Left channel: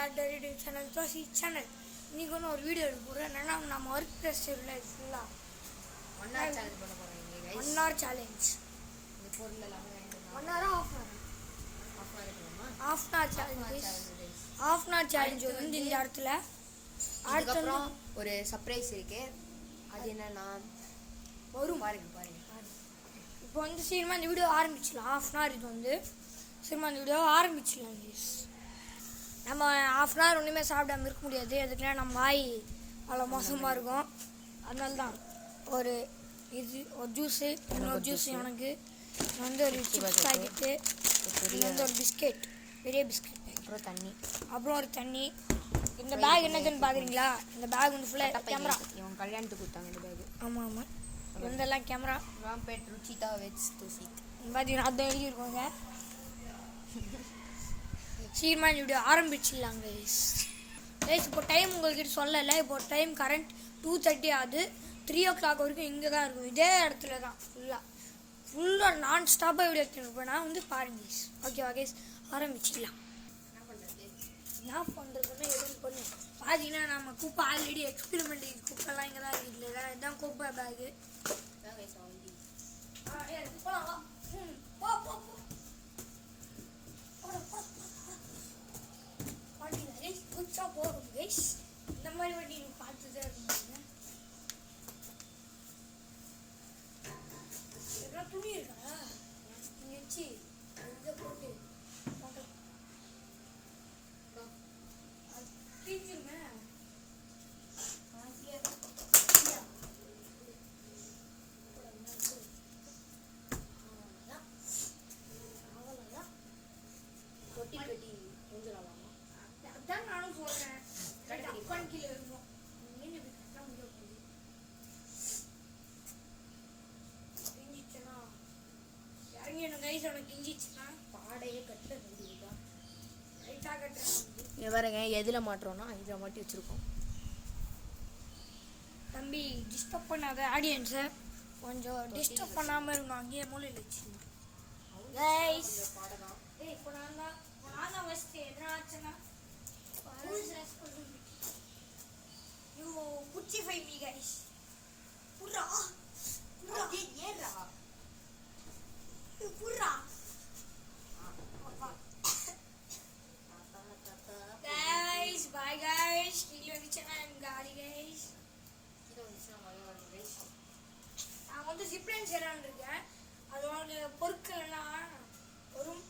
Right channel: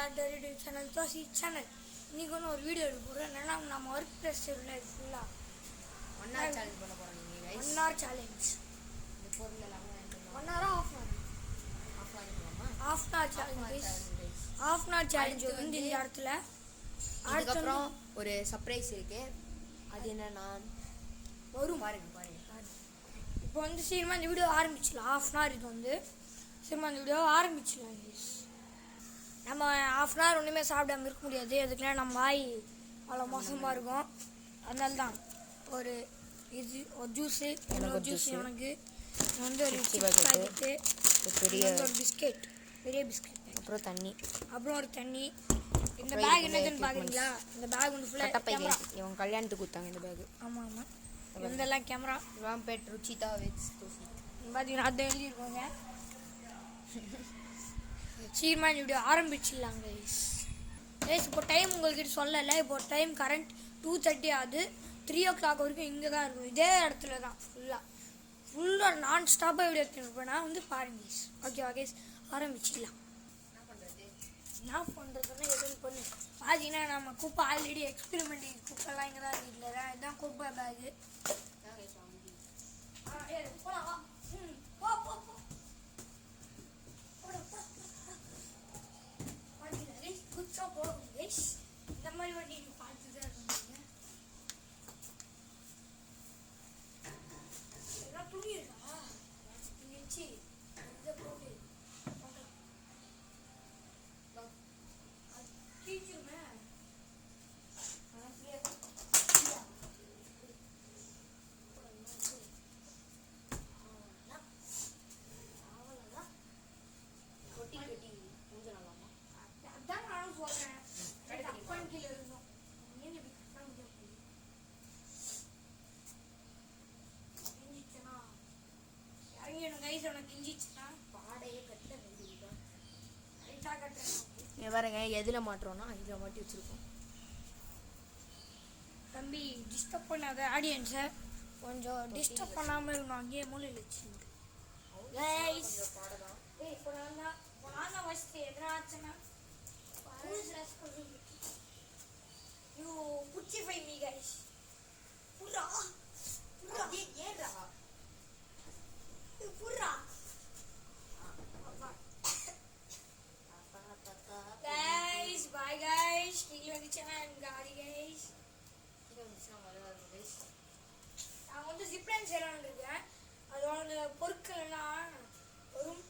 Back to YouTube channel தோசி channel. இன்னைக்கு ஒன்று ஒரு வீடியோ எடுக்க போகிறோம். என்னன்னா நம்ம ஒர்க் டெஸ்ட் இல்லை ஃபுல்லாக 1 hour சேலஞ்ச் பண்ண போகிறோம். 1 hour சேலஞ்ச். இந்த பொருள் எல்லாமே 1 hour half hour சேலஞ்ச் வந்து இந்த இடத்துல அடுத்து ஒரு சர்ப்ரைஸ் இருக்கு. அது என்னன்னா வரும் பாருங்க. இப்போ வந்து சீக்கிரமாக இந்த வீடியோ ஆரம்பிச்சிடலாம். 1/2 hour இது வந்து சீக்கிரமாக இந்த வீடியோ ஆரம்பிச்சிடலாம். நம்ம 1/2 hour ஒன்றுமே சாப்பிடாம இருக்க முடியாது. எதுக்குன்னா நம்ம வாய் அவ்வளோ மோசமாக இருக்கும். அதனால தான் ஒரு ஜூஸு, இன்னொரு ஜூஸ் எனக்கு வந்து ஒரு சிப்ஸ் பாக்கெட்டு, வந்து ஒரு பிஸ்கெட், பெரிய பிஸ்கெட், அப்புறம் ஒரு தண்ணி. இந்த பேக் என்னதுன்னு பார்க்குறீங்களா? இந்த பேக் வந்து ஃபுல்லாக கேமரா. இவங்க கல்யாணத்துக்கு கொடுத்தாங்க இந்த பேக். ஆமாம் இதெல்லாம் கேமரா. பேட் ருச்சிதா வெக்ஸ் தூசி பார்த்தீங்கன்னா அதை எழுதியிருக்கோங்க. சீக்கிரமாக இந்த வீடியோ ஆரம்பிச்சிடலாங்க கைஸ். இப்போ டைம் உங்கள்கிட்ட சொல்லலை. இப்போ டைம் கரண்ட் 2:30 ஆகுது. 3 o'clock வரைக்கும் இங்கே தான் இருக்கும். இதே இடத்துல தான் ஃபுல்லாக நான் ஸ்டாப்பாக வீடியோ எடுத்துருப்பேன். நான் வந்து பாருங்க ஓகேவா கைஸ், ஆரம்பிச்சிடலாம். என்ன பண்ணுறதுன்னு எதுவும் பண்ணு. பார்த்தீங்கன்னா நம்ம குப்பை ஆல்ரெடி எக்ஸ்பெரிமெண்ட் குப்பைலாம் இங்கே தான் இருக்குது. இதுதான் குப்பை பேகு. போகலாம். போகும் கைஸ். இந்த மாதிரி வண்டி நீ பார்த்துதான் இருக்கீங்க. எல்லாம் துணி இருக்கா இங்க வச்சு இதை போட்டு தீஞ்சிருமே. அதான் நானும் சொல்றேன். அப்பன் கீழே இருக்கும். மீன் இப்படி கட்ட முடியாது. கிஞ்சிச்சுன்னா இறங்கி எனக்கு கைஸ் உனக்கு கிஞ்சிச்சுன்னா பாடையே கட்ட வேண்டியதுதான். லைட்டாக கட்டுறேன். பாருங்க எதில் மாட்டுறோம்னா இதில் மாட்டி வச்சுருக்கோம். தம்பி டிஸ்டர்ப் பண்ணாத ஆடியன்ஸை. கொஞ்சம் டிஸ்டர்ப் பண்ணாமல் இருக்கணும். அங்கேயே மூலையில் வச்சு கைஸ். இப்போ நான் தான் ஃபஸ்ட்டு என்ன ஆச்சுன்னா you putify me guys. Purra ஏறா purra guys. Bye guys. Video channel gari guys. நான் வந்து ஜிப்லைன் செய்யலான்னு இருக்கேன். அதோட பொருட்கள்லாம் வரும்.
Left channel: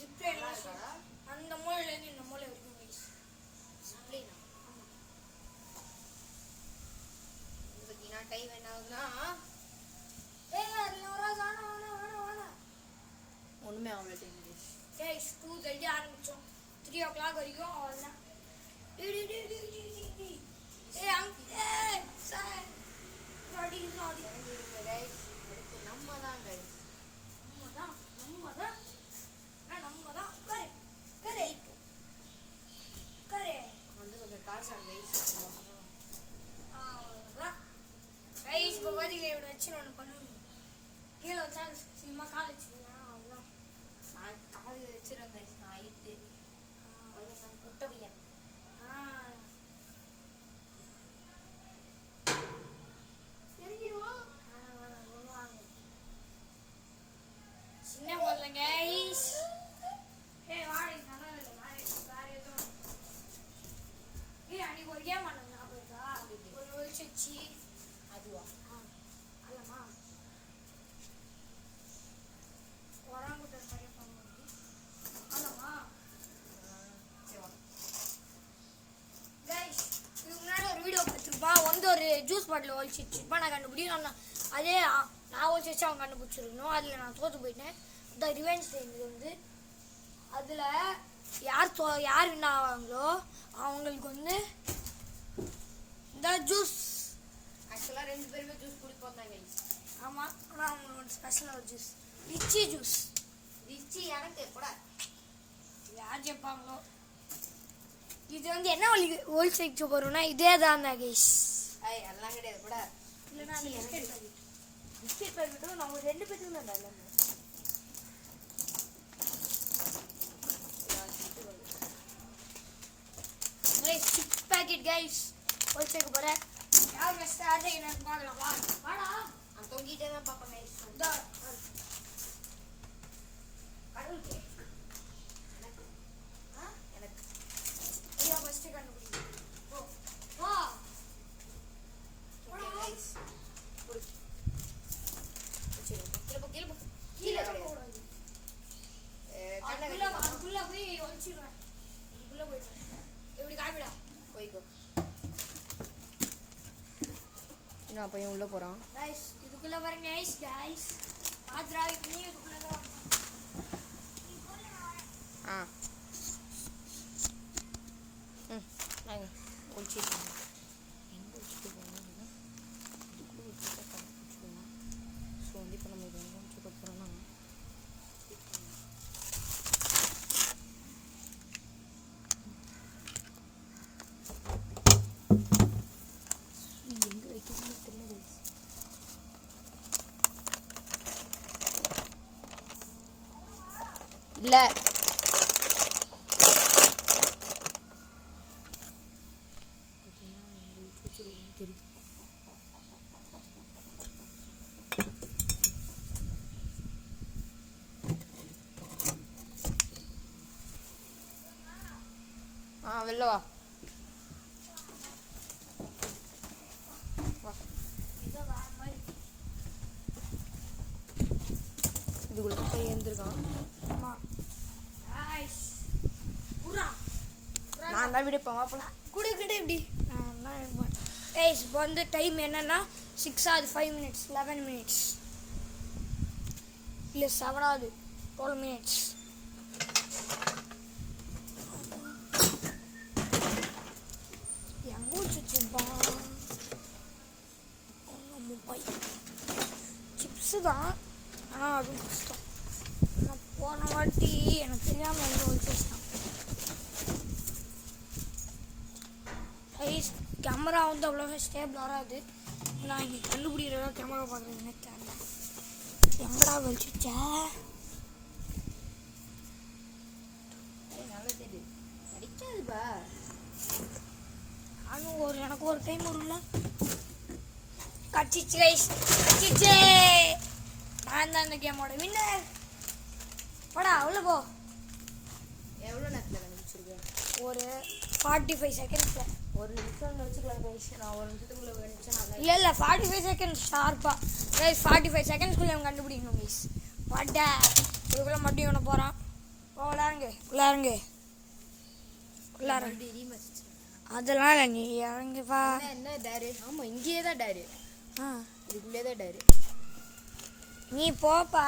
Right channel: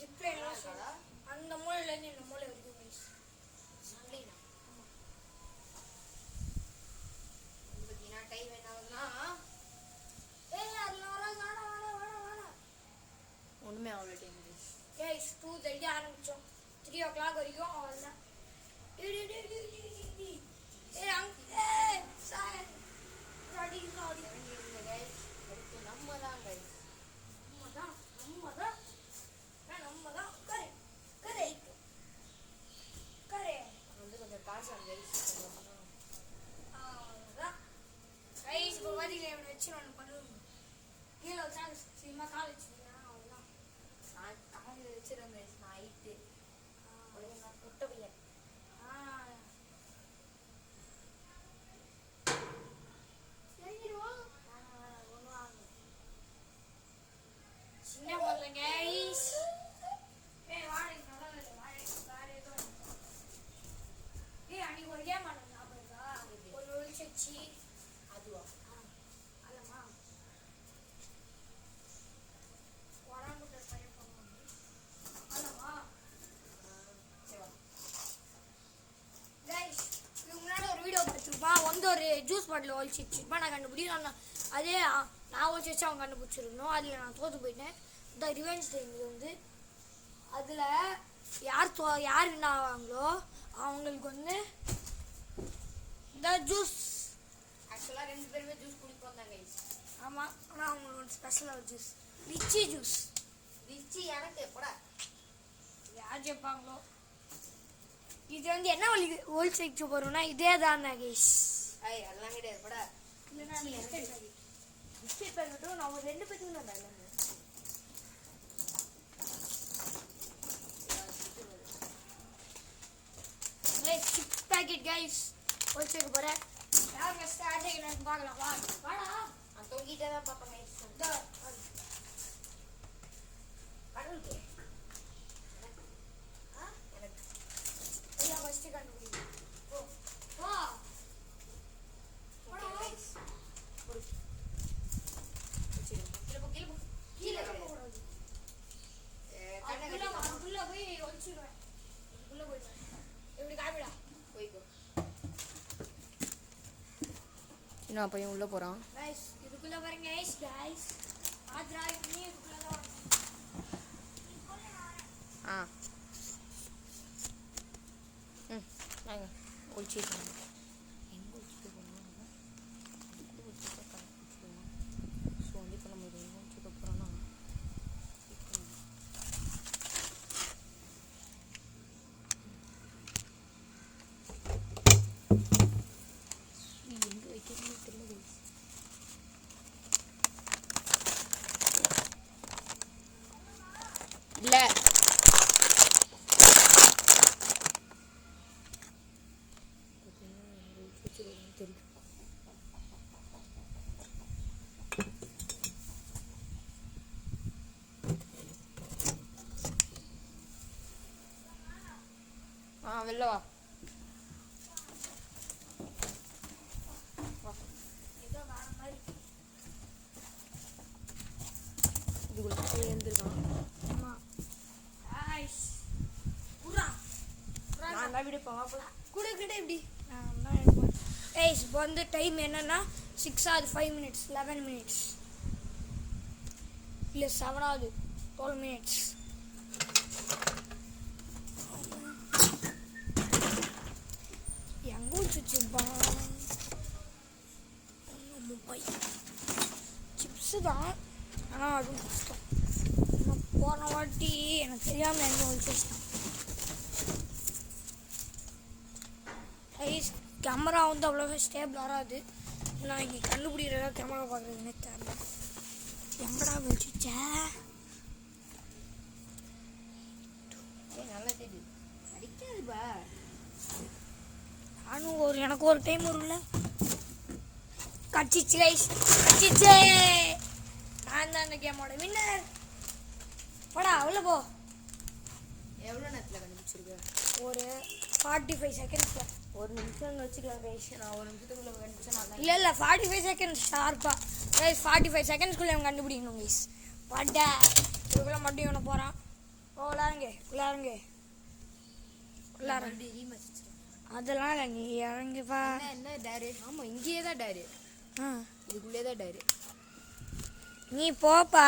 ஜிப்லைன்லாம் அந்த மூலையிலேருந்து இந்த மூலை வரைக்கும் கைஸ். டைம் என்ன ஆகுதுன்னா ஒண்ணுமே ஆகல. டைம் கைஸ் 2:30 ஆரம்பிச்சோம். 3 o'clock வரைக்கும் அவ்வளோதான். கொஞ்சம் காசு கைஸ் இப்போ பார்த்தீங்கன்னா இவனை வச்சு ஒன்று பண்ணுவோம். கீழே வச்சா சினிமா கால் வச்சுருந்தேன். அவ்வளோதான். நான் கால் வச்சிருந்தேன் கைஸ். நான் ஐட்டு நான் முட்டை பையன். சின்ன முதல்ல கைஸ். வாழை நல்லா இல்லை. வாழை வேற எதுவும் அன்னைக்கு ஒரு கேம் ஆனது ஞாபகம் இருக்கா? ஒரு வச்சு அதுவா அல்லம்மா வராங்குட்டர் பையன் பண்ணுவோம் அல்லம்மா கைஸ். இதுக்கு முன்னாடி ஒரு வீடியோ பார்த்துருப்பான். வந்து ஒரு ஜூஸ் பாட்டில் ஒழிச்சு வச்சுருப்பான். நான் கண்டுபிடிக்கும். அதே நான் ஒழிச்சு வச்சு அவன் கண்டுபிடிச்சிருக்கணும். அதில் நான் தோற்று போயிட்டேன். த ரிவெஞ்ச் டைம் இது வந்து. அதில் யார் வின் ஆவாங்களோ அவங்களுக்கு வந்து இந்த ஜூஸ். ஆக்சுவலாக 2 பேருமே ஜூஸ் குடிப்போம் தான் கைஸ். ஆமாம், ஆனால் அவங்களோட ஸ்பெஷலாக ஜூஸ் லிச்சி ஜூஸ். லிச்சி எனக்கு கூட யார் கேட்பாங்களோ. இது வந்து என்ன ஒழிச்சு வைக்க போகிறோம்னா இதே தான் கைஸ். எல்லாம் கிடையாது கூட. இல்லைன்னா பிஸ்கெட் பாக்கெட்டும் நான் ஒரு 2 பேருக்கு தான். கைஸ் சிப்ஸ் பாக்கெட் கைஸ் ஒழிச்சு வைக்க போகிறேன். யார் ஃபஸ்ட்டு ஆட்டை என்னன்னு பார்க்கலாம். வாடா நான் தொங்கிட்டே தான் பார்ப்பேன் கைஸ். கடவுளுக்கு எனக்கு ஐயா ஃபஸ்ட்டு கண்டுபிடி. வா ஓகே கைஸ். கீழே போ. கீழே கிடையாது. அதுக்குள்ள போய் ஒழிச்சிடுவேன். அதுக்குள்ள போயிடுவேன். எப்படி காமிடா போய்க்கோ. இன்னும் பையன் உள்ள போறான். கைஸ் இதுக்குள்ள பாருங்க கைஸ் ஆத்ரா நீ இதுக்குள்ள தான் ஆ வாங்க ஒழிச்சிட்டு எங்கே ஒழிச்சிட்டு போனோம்னா இதுக்குள்ளே ஒழிச்சிட்டா கண்டுபிடிச்சிடுவோம். ஸோ வந்து இப்போ நம்ம இது எங்கே ஒழிச்சிட்டு போகிறோன்னா எங்கே வைக்கிறதுன்னு தெரியல. இல்லை வெளில வா. ஏதோ வர மாதிரி. இதுக்குள்ள போய் எழுந்திருக்கான். ஆமா கைஸ் புரா நான் தான் விடுப்பேன் வாப்பலாம். குடுக்கிட்டே எப்படி நான் எடுப்பேன். கைஸ் இப்போ வந்து டைம் என்னன்னா 6 ஆகுது 5 மினிட்ஸ் 11 மினிட்ஸ் இல்லை 7 ஆகுது 12 மினிட்ஸ். எங்கே வச்சுருப்பான் மொபைல் சிப்ஸு தான். ஆனால் அதுவும் கஷ்டம். நான் போன வாட்டி எனக்கு தெரியாமல் எங்கே வச்சுருக்கான். கைஸ் கேமரா வந்து அவ்வளோவா ஸ்டேபிள் வராது. நான் இங்கே கண்டுபிடிக்கிறதா கேமரா பார்க்குறதுன்னு தெரியல. எங்கடா வச்சுச்சே நல்லா தெரியுது. அடிக்காதுப்பா. நானும் எனக்கு ஒரு டைம் வரும்ல கட்சிச்சு கைஸ் கட்சிச்சே. நான் தான் இந்த கேமோட வின்னர். போடா உள்ள போ. எவ்வளோ நேரத்தில் கண்டுபிடிச்சிருக்கேன்? ஒரு 45 செகண்ட்ஸில். ஒரு நிமிஷம் வச்சுக்கலாம் கைஸ். நான் ஒரு நிமிஷத்துக்குள்ள கண்டுபிடிச்சேன். இல்லை 45 செகண்ட்ஸ் ஷார்ப்பா கைஸ். 45 செகண்ட்ஸ்குள்ளே அவன் கண்டுபிடிக்கணும் கைஸ். வாட்டா இதுக்குள்ளே மட்டும் இவனை போகிறான். உள்ளாருங்க உள்ளாருங்க. அதெல்லாம் இல்லை நீ இறங்கிப்பா. என்ன டேரு? ஆமாம் இங்கேயே தான் டேரு. ஆ இதுக்குள்ளே தான் டேரு. நீ போப்பா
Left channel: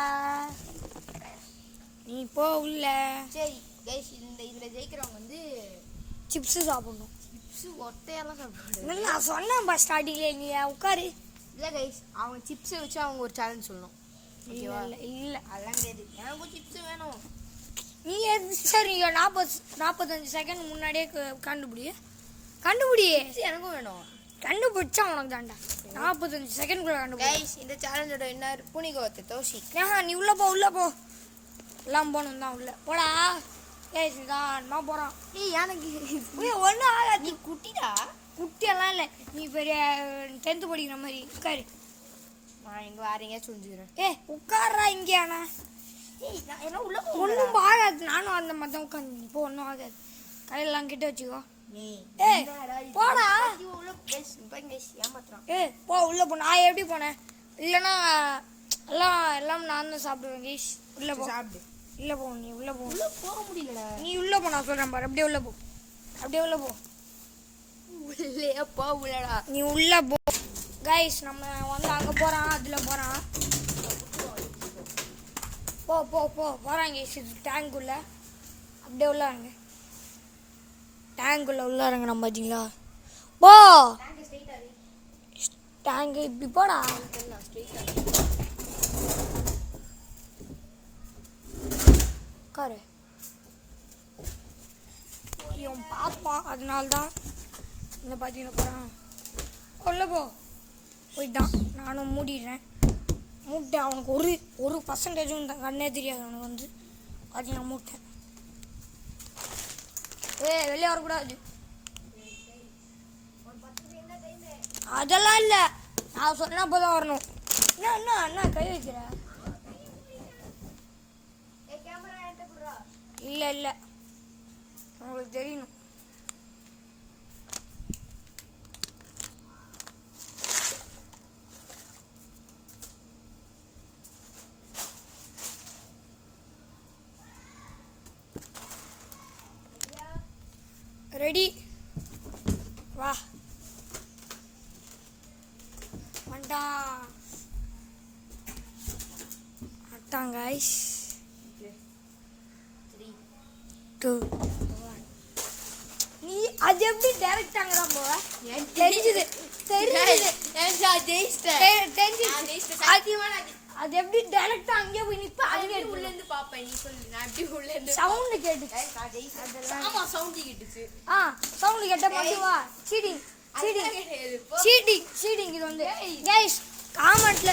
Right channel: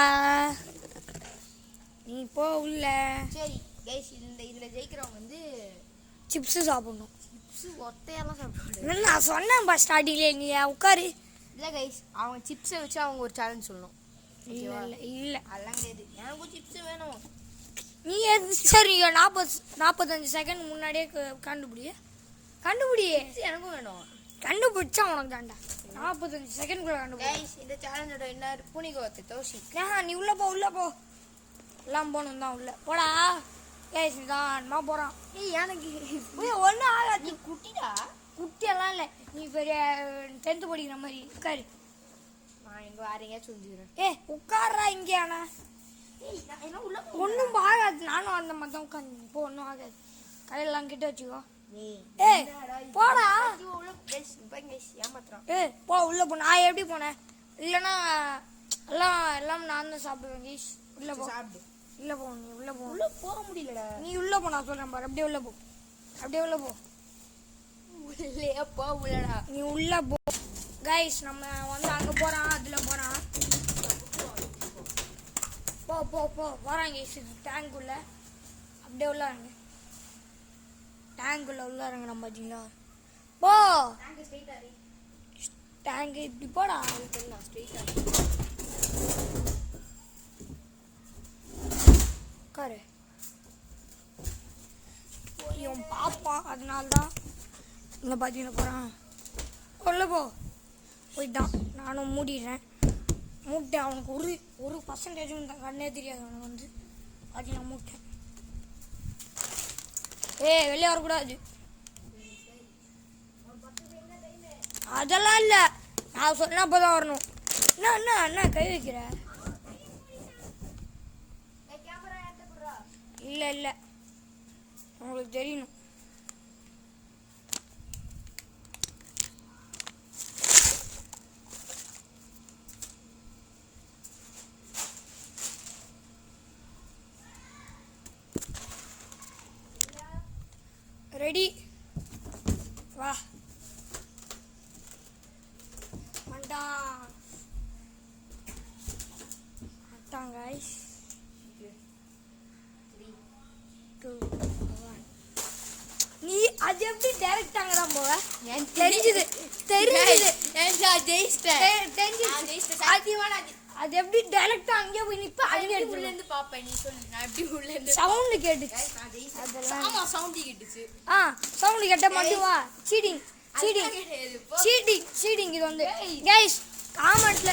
நீ போ உள்ள. சரி கைஸ் இதில் ஜெயிக்கிறவங்க வந்து சிப்ஸு சாப்பிடணும். சிப்ஸு ஒட்டையெல்லாம் சாப்பிடுவாங்க. இல்லை நான் சொன்னேன்ப்பா ஸ்டார்டிங்லேயே நீ உட்காரு. இல்லை கைஸ் அவங்க சிப்ஸை வச்சு அவங்க ஒரு சேலஞ்ச் சொல்லணும். ஓகேவா? இல்லை அதெல்லாம் கிடையாது. எனக்கும் சிப்ஸு வேணும். நீ சரி 45 செகண்ட் முன்னாடியே கண்டுபிடி. எனக்கும் வேணும். கண்டுபிடிச்சா உனக்கு தாண்டா. 45 செகண்ட்குள்ள கண்டுபிடி. கைஸ் இந்த சேலஞ்சோட என்ன புனிகோத்த தோசி. நீ உள்ள போ எல்லாம் போகணும் தான் உள்ள போடா. ஏய் தான் போகிறான். எனக்கு ஒன்றும் ஆகாது. நீ குட்டிடா. குட்டியெல்லாம் இல்லை நீ பெரிய 10th படிக்கிற மாதிரி உட்காரு. நான் இங்கே வேறங்க சொல்லிக்கிறேன். உட்கார்றா இங்கே. ஆனா நான் என்ன உள்ள ஒன்றும் ஆகாது. நானும் அந்த மாதிரி தான் உட்காந்து இப்போ ஒன்றும் ஆகாது. கையெல்லாம் கிட்ட வச்சுக்கோ. போடா. ஏமாத்துறான். போ உள்ள போ. நான் எப்படி போனேன்? இல்லைன்னா எல்லாம் நான் தான் சாப்பிடுவேன் கைஸ். உள்ள போ. சாப்பிடு. உள்ள போ. நீ உள்ள போ. உள்ள போக முடியலடா. நீ உள்ள போ. நான் சொல்றேன் பாரு. அப்படியே உள்ள போ. உள்ளே போ. உள்ளடா. நீ உள்ள போ. கைஸ் நம்ம வந்து அங்க போறான். அதுல போறான். போ வராங்க கைஸ். டேங்க் உள்ள அப்படியே உள்ளாருங்க. டேங்க் உள்ளாருங்க. நம்ம பாத்தீங்களா? போ டேங்க் இப்படி போடா. உட்காரு. இவன் பாப்பான். அதனால்தான் இந்த பார்த்தீங்கன்னா போகிறான். கொல்ல போயிட்டான். நானும் மூடிடுறேன். மூட்டேன். அவனுக்கு ஒரு பர்சன்டேஜும் கண்ணே தெரியாது. அவனுக்கு வந்து அது நான் மூட்டேன். வெளியே வரக்கூடாது. அதெல்லாம் இல்லை, நான் சொன்ன போதான் வரணும். என்ன என்ன என்ன கை வைக்கிற? இல்லை இல்லை, உங்களுக்கு தெரியணும். ரெடி, வா அட்டான் கைஸ். 3 2 1. நீ அது எப்படி டைரக்ட் அங்கதான் போவ? தெரிஞ்சது தெரிஞ்சது அது எப்படி டைரக்ட் அங்கே போய் நிப்ப? அங்கே உள்ள இருந்து பாப்பேன். நீ சொல்லு, நான் எப்படி உள்ள இருந்து சவுண்ட் கேட்டுச்சு. ஆமா சவுண்ட் கேட்டுச்சு. சவுண்ட் கேட்ட மட்டும் வா. Cheating cheating cheating cheating. இது வந்து கைஸ் காமெண்ட்ல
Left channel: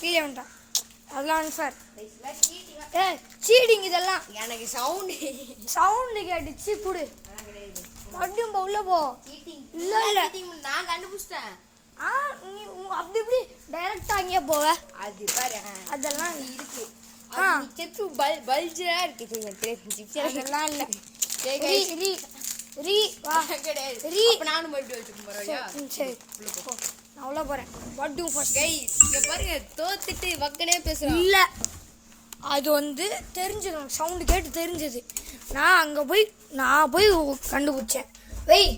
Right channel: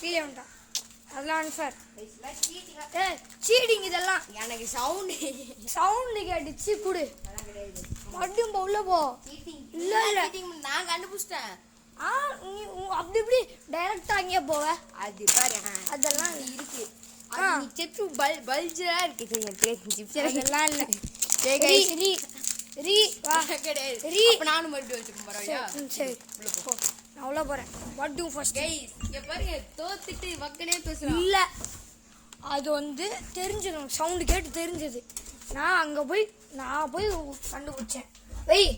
கீழே வேண்டாம், அதெல்லாம் அன்ஃபேர். சீட்டிங் இதெல்லாம். எனக்கு சவுண்ட் கேட்டுச்சு. குடு மட்டும் உள்ள போ. இல்ல இல்ல நான் கண்டுபிடிச்சிட்டேன். அப்படி இப்படி டைரக்டா அங்கே போவ. அது பாரு, அதெல்லாம் இருக்கு. செப்பு பல்ஜரா இருக்கு. அதெல்லாம் இல்ல. ரீ ரீ வா ரீ. நானும் மட்டும் வச்சுக்கிறேன். சரி நான் உள்ள போறேன். பட்டு ஃபர்ஸ்ட் கைஸ் இங்க பாருங்க, தோத்துட்டு வக்கனே பேசுறேன். இல்ல அது வந்து தெரிஞ்சது, சவுண்ட் கேட்டு தெரிஞ்சது. நான் போய் கண்டுபிடிச்சேன். வெய்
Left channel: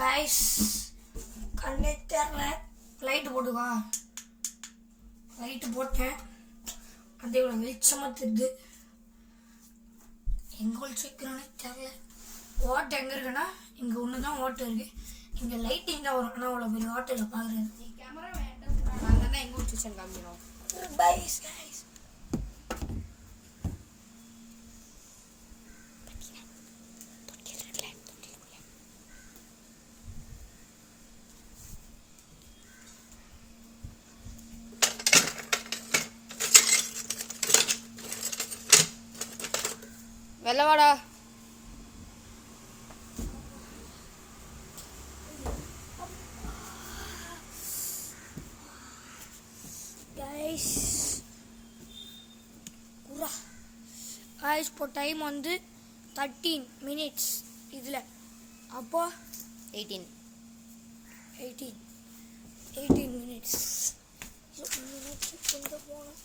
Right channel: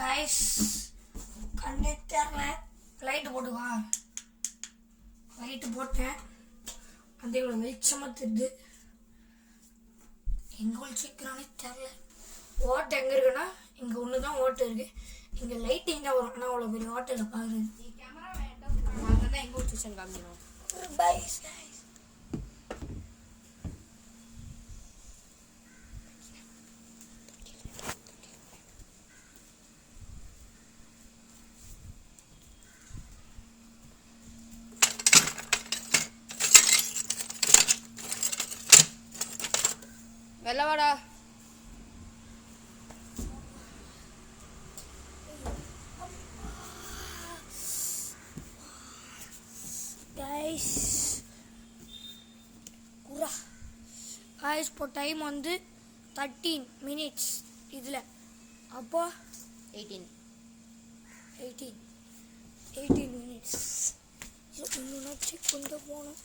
கைஸ், கண்ணே தெரியல. லைட்டு போட்டுக்கோ. லைட்டு போட்டேன், அது இவ்வளோ வெளிச்சமாக தெரியுது. எங்கே ஒழிச்சிக்கிறானே தெரியல. ஓட்டை எங்கே இருக்குன்னா இங்கே ஒன்று தான் ஓட்டை இருக்கு. இங்கே லைட்டிங் தான் வரும், ஆனால் அவ்வளோ பெரிய ஓட்டையில் பார்க்குறேன். கேமரா வேண்டாம், நான் தான் எங்கே ஒழிச்சிச்சேன் காமிக்கிறோம். பைஸ் கைஸ். வெள்ளவாடா. கைஸ் இப்போ டைம் வந்து 13 minutes. இதில் அப்போ 18 minutes. கொஞ்சம் போகணும்.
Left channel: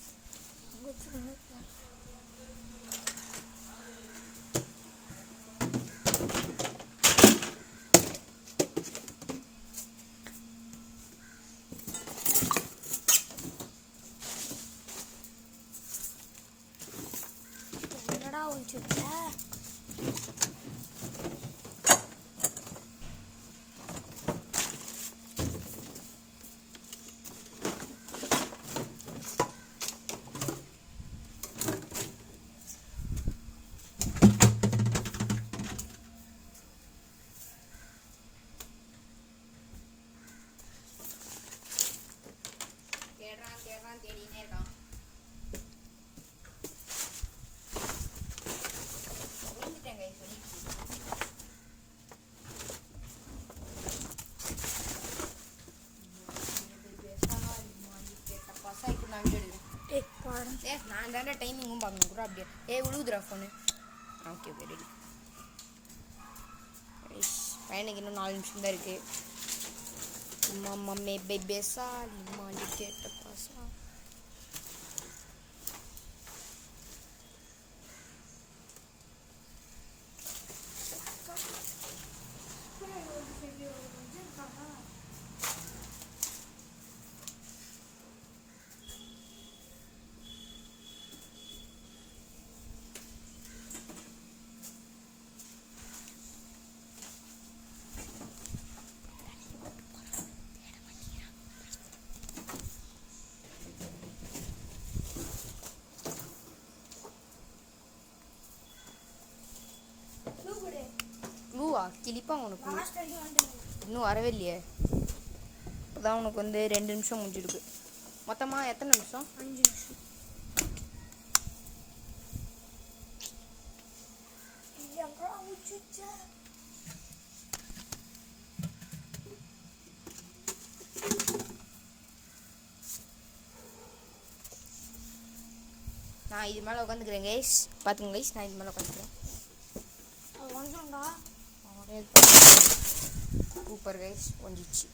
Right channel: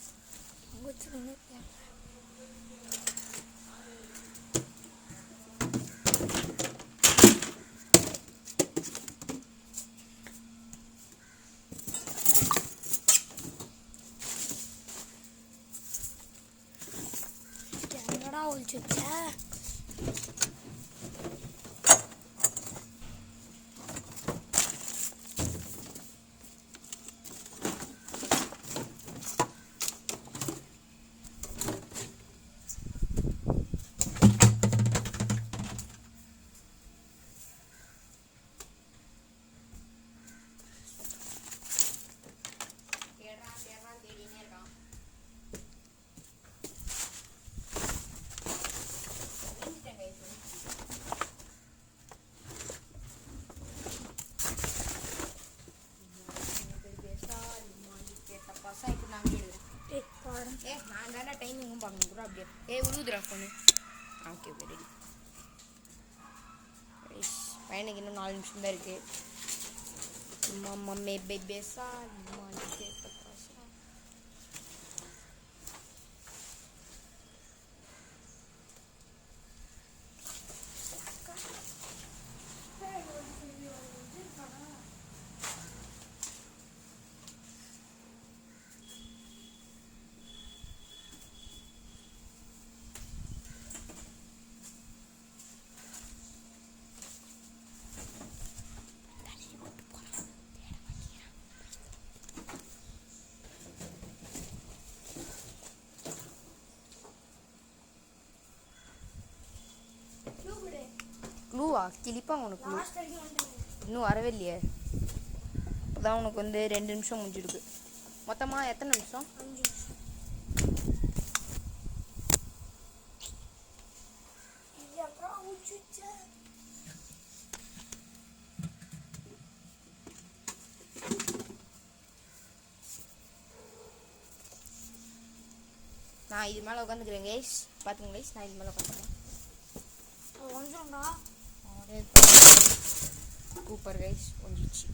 நான் தானே டைமிங்கும் பார்க்கணும் கூட. அப்படியே உழுதுரா ஃபோனு. Okay okay ready. பையனுக்கு இன்னும் 4 நிமிஷம் தான் இருக்கு. மம்மே பேபேசா லிமாண்டி கேட்ட பாசா. க்ளூவா கிளிப்பாங்க உனக்கு? இன்னும் வரவே இல்லையே. இப்போதான் உனக்கு வந்து 2 நிமிஷம் முடிஞ்சிருக்கு. மொத்தமாக எத்தனை நிமிஷம்? 5 நிமிஷம். நான் இது மேலே உட்காந்துக்கிறேன் கைஸ். பார்த்துங்க கைஸ், நான் இது மேலே உட்காந்துக்கிறேன். அது வந்துடும்டா. சூப்பர் கைஸ், கொஞ்சிச்சு.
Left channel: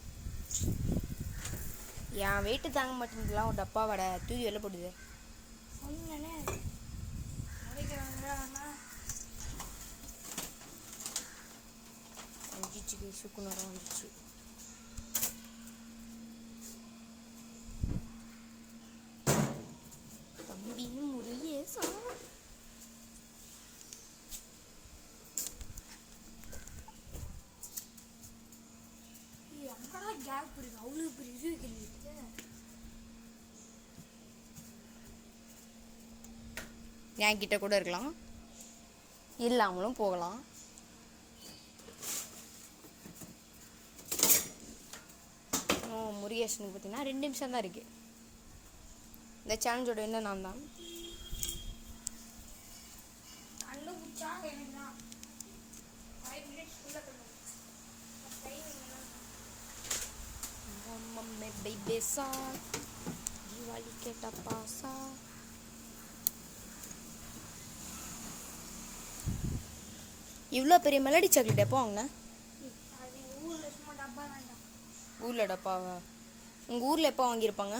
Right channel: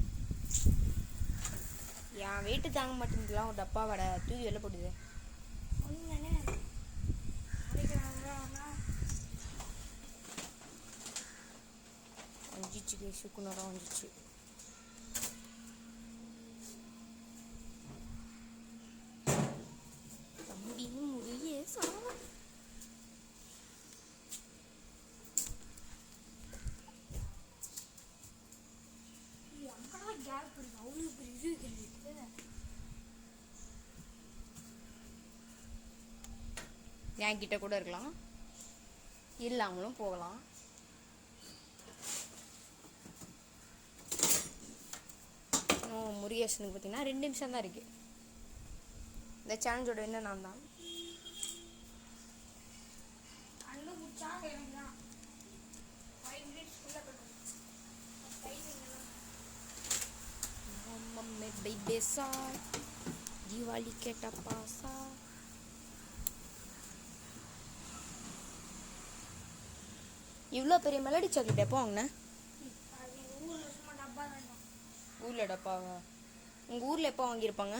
என் வெயிட்டு தாங்க மாட்டேங்குதுலாம். ஒரு டப்பா வடை தூக்கி வெளில போடுது. ஒன்றுமே கொஞ்சிச்சு கைஸ், சுக்குநூறாக வந்துச்சு. தம்பி முருகேசா. கேப் இருக்கு, அவ்வளோ பெரிய இது இருக்குது. என் கிட்ட கூட இருக்கலாம், இல்லாமலும் போகலாம். முருகேசனுக்கு பார்த்தீங்கன்னா 2 நிமிஷம் தான் இருக்கு. இந்த சேலஞ்சோட என்ன நான் தான் தீபாவளி கேட்ட பாசா. இவ்வளோ பெரிய மெலடி சாக்லேட் எப்போ வாங்கினேன்? ஊரில் டப்பாவா? உங்கள் ஊரில் எப்போ வாங்கியிருப்பாங்க?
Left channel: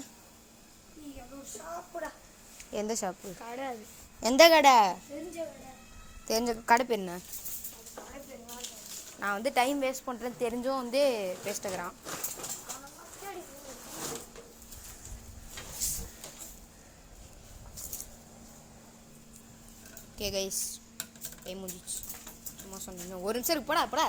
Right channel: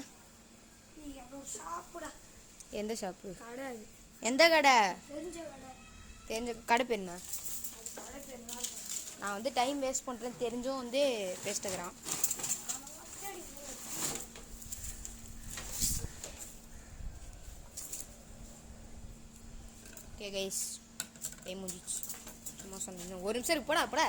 எந்த ஷாப்பு? எந்த கடை? தெரிஞ்ச கடை பேர் என்ன? நான் வந்து டைம் வேஸ்ட் பண்ணுறேன்னு தெரிஞ்சும் வந்து பேசிட்டுக்கிறான். ஓகே கைஸ், டைம் முடிஞ்சிச்சு. சும்மா சொன்னீங்க. ஒரு நிமிஷம் இருக்கு, போடா போடா.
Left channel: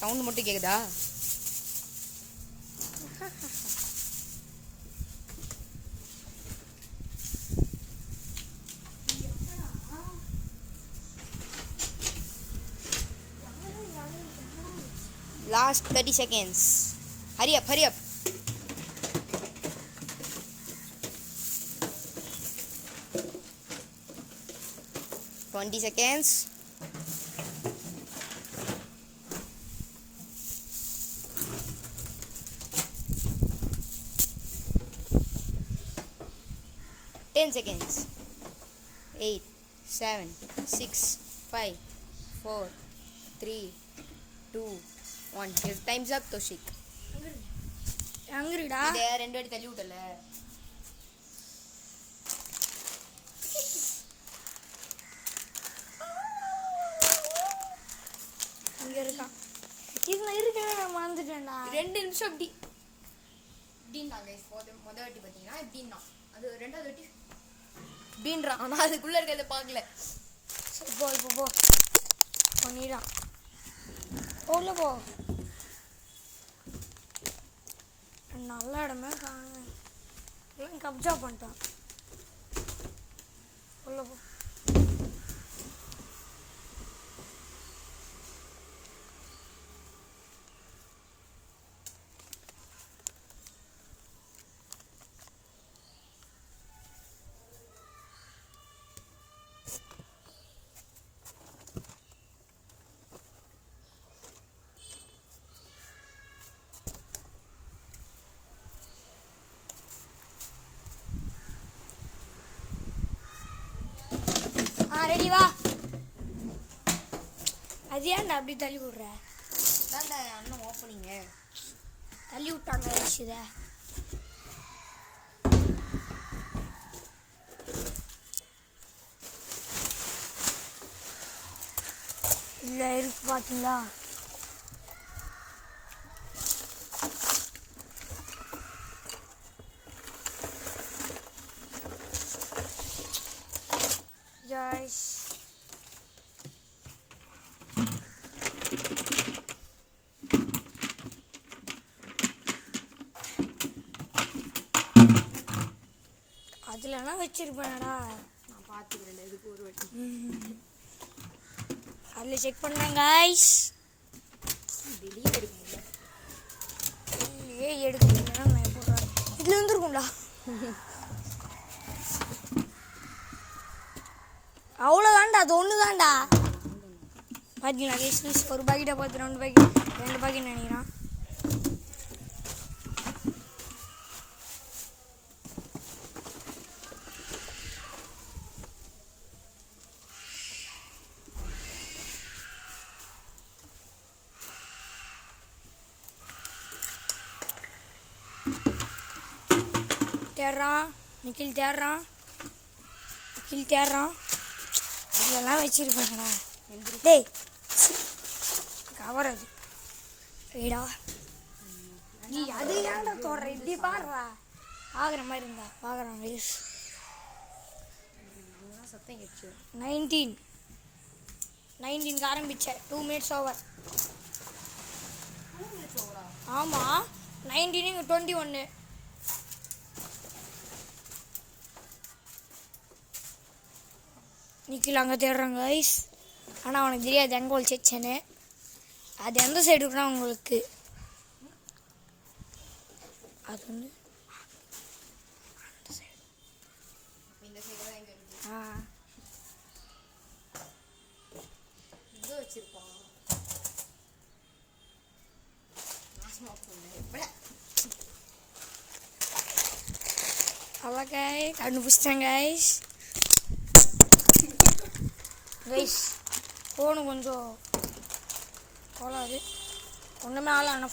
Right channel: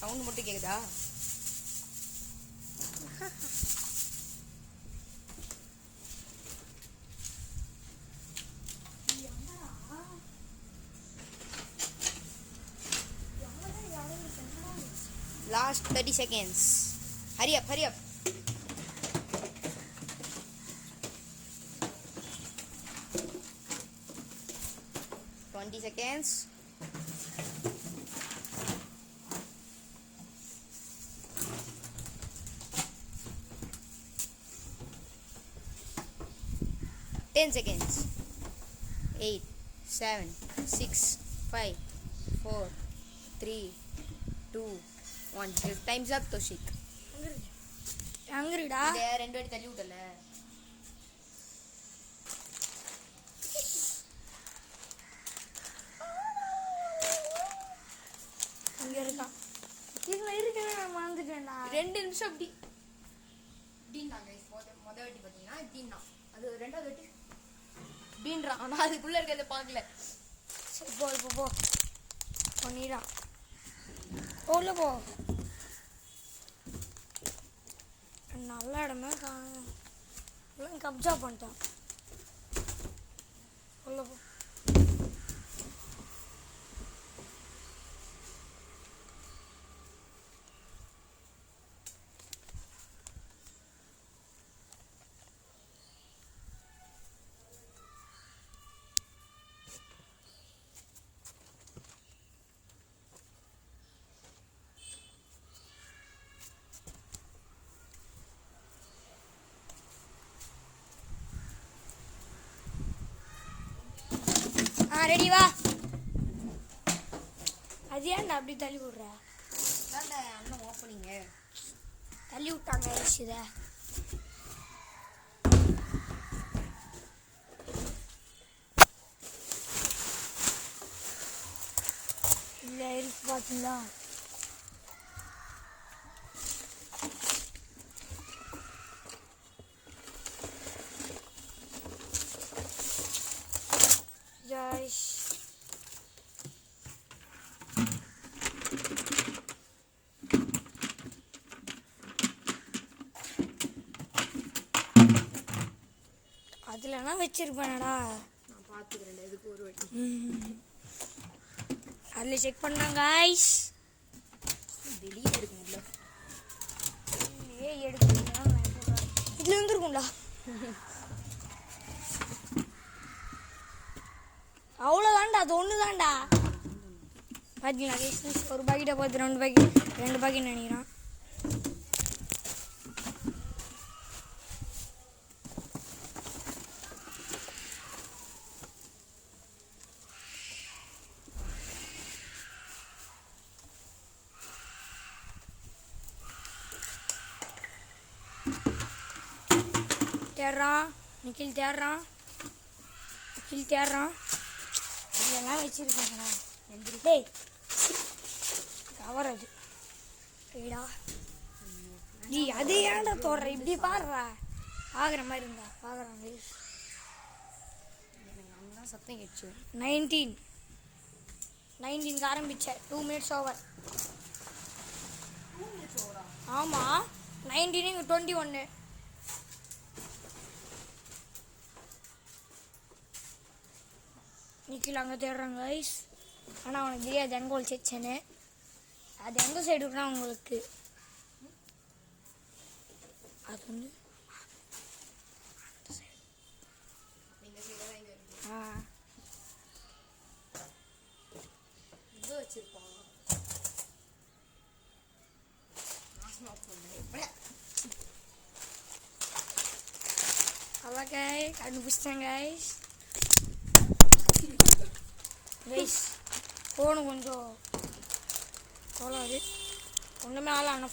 சவுண்ட் மட்டும் கேக்குதா? Last 30 seconds. Hurry up, hurry up. Twenty seconds. Ten seconds. 8, 7, 6, 5, 4, 3, 2, 1. Your time's up, Toshik. எங்கடா? இதை 2 வாட்டி தள்ளி விட்டல. அங்க இருக்கான். இதுல இருக்கவே நான் மறந்துட்டேன்டா. 2 நிமிஷம் அப்படி இப்படின்னா கைஸ். முத வாட்டி பார்த்தீங்கன்னா இப்படின்னா, அது 2வது வாட்டி இப்படின்றான். ஆனால் அதுக்குள்ளே இருக்கிறத பார்க்கல. சரி போ, இப்போ போ பண்ணிடான். உள்ள போ. நல்ல இடமே எல்லாம் கப்ஜா பண்ணிட்டான். உள்ள போ. ரெடி வா. அது ஏன்டா அப்படி தள்ளி விடுற? அண்ணன் ஓப்பனிங்க தள்ளி விட்டாங்க. இதை இல்லை இருக்கு பார்த்தீங்களா? Guys, அதுலனா வச்சிருப்பேன்டா. நான் பார்த்துக்கிறேன். இதுக்கு ஒரு வாட்டி அதில் செக் பண்ணாங்க guys. டெலிட் இருக்குங்களா? இல்லையே, எடுக்கலாம். இதில் வந்துருக்கும்டா. அவ்வளோதான்டா, அது ஒன்று தான்டா. பார்த்தீங்களா கைஸ் ஒரு பாக்கெட்டை பார்த்து 2 பாக்கெட் நினைக்கிறான். தேடுறான் நிக்கில் தேடுறான் இதெல்லாம் வச்சிருக்கேன்டா. டேய் கவர் அது ஏடா நீ அது ஏன்டா தோடுற இப்படி பாடுறா ஆகிற மாதிரி இருந்தா பார்க்குறான் கைஸ். சத்தம் கேட்ச்சு. 19க்கு ஆரம்பித்தேன் 2 minutes ஓவர். ஆமாம் 19 21. நிக்கில் அங்கே தேடுறாங்க கைஸ். ஆனால் அவனுக்கு தெரியாது எங்கே ஒழிச்சேன்னு. அது எந்த சைடு இருக்குன்னா உங்களுக்கு அது வந்து ஆ இது வச்சிருப்பான். அவ்வளோ கண்டுபிடிச்சிட்டேன் கைஸ். ஃபோனு கொஞ்சம் கோலாது ஒன்றுமே ஆகல. ஆனால்